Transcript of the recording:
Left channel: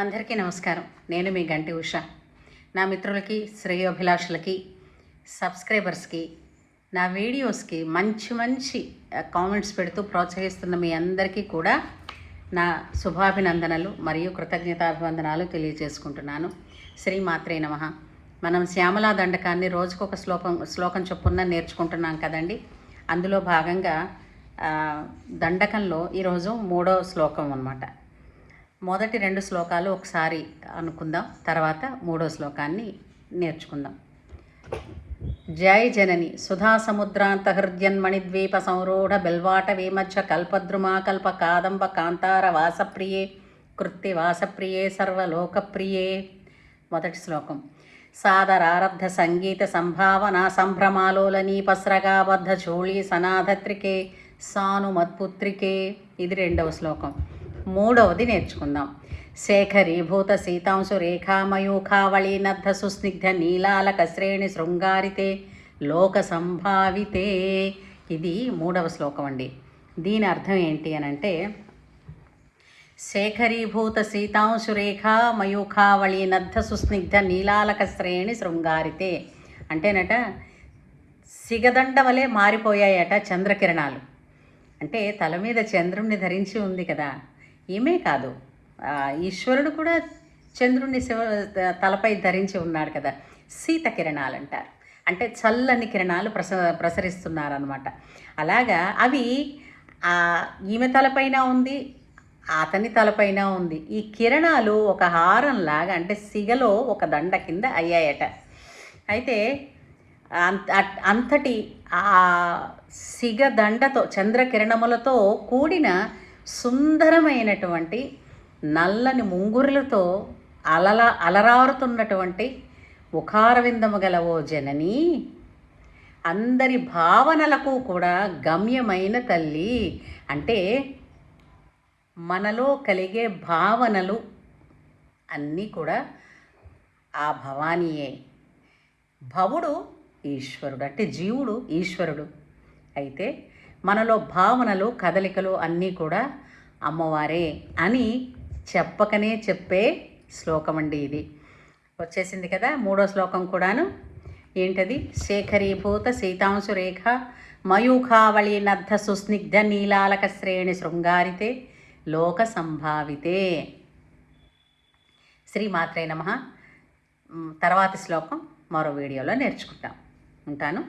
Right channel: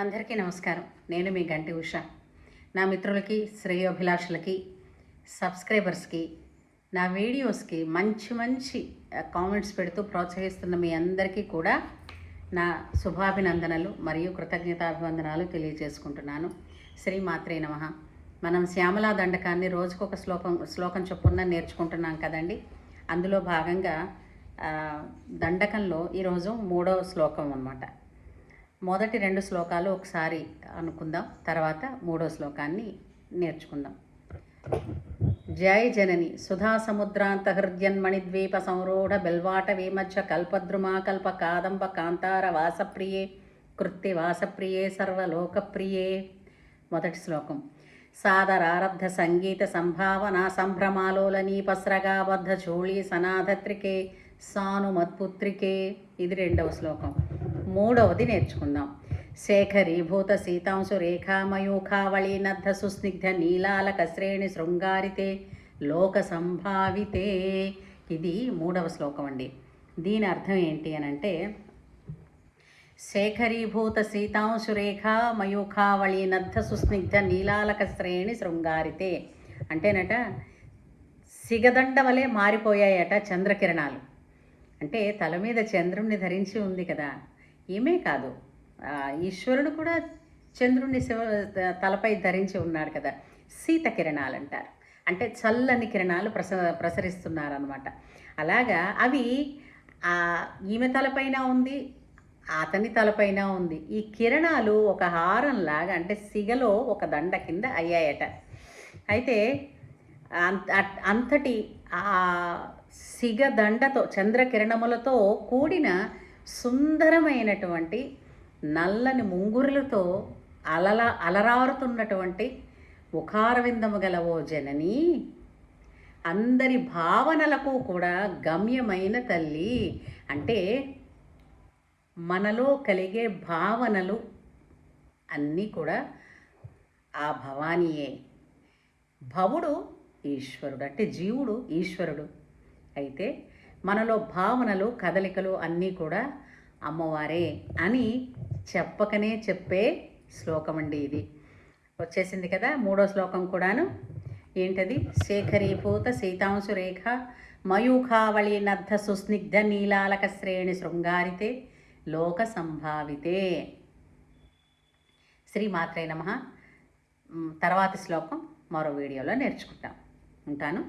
అందరికీ నమస్కారం. నేను మీ గంటి ఉష. నా మిత్రులకి, శ్రేయోభిలాషులకి, సబ్స్క్రైబర్స్కి, నా వీడియోస్కి మంచి కామెంట్స్ పెడుతూ ప్రోత్సహిస్తున్న మీ అందరికీ కూడా నా శుభాభినందనలు మరియు కృతజ్ఞతాభివందనాలు తెలియజేసుకుంటున్నాను. శ్రీమాత్రే నమః. మనం శ్యామలా దండకాన్ని రోజుకొక శ్లోకం చొప్పున నేర్చుకుంటున్నాం కదండి. అందులో భాగంగా దండకంలో ఈరోజు 3వ శ్లోకం అన్నమాట. మొదటి 2 శ్లోకాలు ఒకసారి అనుకుందాం, తర్వాత 3వ శ్లోకాన్ని నేర్చుకుందాం. జై జనని సుధా సముద్రాంత హృద్యన్మణిద్వీప సంరూఢ బెల్వాట వేమచ్చ కల్పద్రుమా కల్ప కాదంబ కాంతార వాసప్రియే కృత్తి వాసప్రియే సర్వలోకప్రియే. మొదటి శ్లోకం. సాదరారబ్ధ సంగీత సంభావన సంభ్రమాలోలనీపస్రగాబద్ధ చోళీ సనాధత్రికే సానుమత్పుత్రికే. ఇది 2వ శ్లోకం. 3వది నేర్చుకుందాం. శేఖరీభూత సీతాంశు రేఖామయూఖావళీనద్ధ సుస్నిగ్ధ నీలాలక శ్రేణి శృంగారితే లోక సంభావితే. ఇది 3వ శ్లోకం అండి. దీని అర్థం ఏంటి అనంటే, శేఖరీభూత సీతాంశు రేఖామయూఖావళీనద్ధ సుస్నిగ్ధ నీలాలక శ్రేణి శృంగారితే అంటేనట సిగదండ వలె మారిపోయాయట చంద్రకిరణాలు. అంటే తల మీద చంద్రుణ్ణి ధరించి ఉంది కదా, ఈమె కాదు, ఈశ్వరుడు కూడా చంద్రుణ్ణి తలపై ధరించి ఉన్నాడు కదా. శీత కిరణాలు అంటారు, అంటే చల్లని కిరణాలు ప్రసరిస్తున్నారనమాట. అలాగా అవి ఈమె తలపైన ఉంది, అతని తలపైన ఉంది. ఈ కిరణాలు ఒక హారంలాగా, అంటే సిగలో ఒక దండ కింద అయ్యాయట. అయితే అంతటి ఆ సిగదండతో చంద్రకిరణములతో కూడిన సుందరమైనటువంటి నల్లని ముంగురులతో అలరారుతున్నటువంటి ముఖారవిందము గల ఓ జనని, అందరి భావనలకు కూడా గమ్యమైన తల్లి. అంటే మనలో కలిగే భావనలు అన్నీ కూడా ఆ భవానీయే. భవుడు ఈశ్వరుడు, అంటే జీవుడు ఈశ్వరుడు. అయితే మనలో భావనలు కదలికలు అన్నీ కూడా అమ్మవారే అని చెప్పకనే చెప్పే శ్లోకం అండి ఇది. వచ్చేసింది కదా 3వ శ్లోకం కూడాను. ఏంటది? శేఖరీభూత సీతాంశు రేఖ మయూఖావళీనద్ధ సుస్నిగ్ధ నీలాలక శ్రేణి శృంగారితే లోక సంభావితే. శ్రీమాత్రే నమః. తర్వాతి శ్లోకం మరో వీడియోలో నేర్చుకుంటాం. ఉంటాను.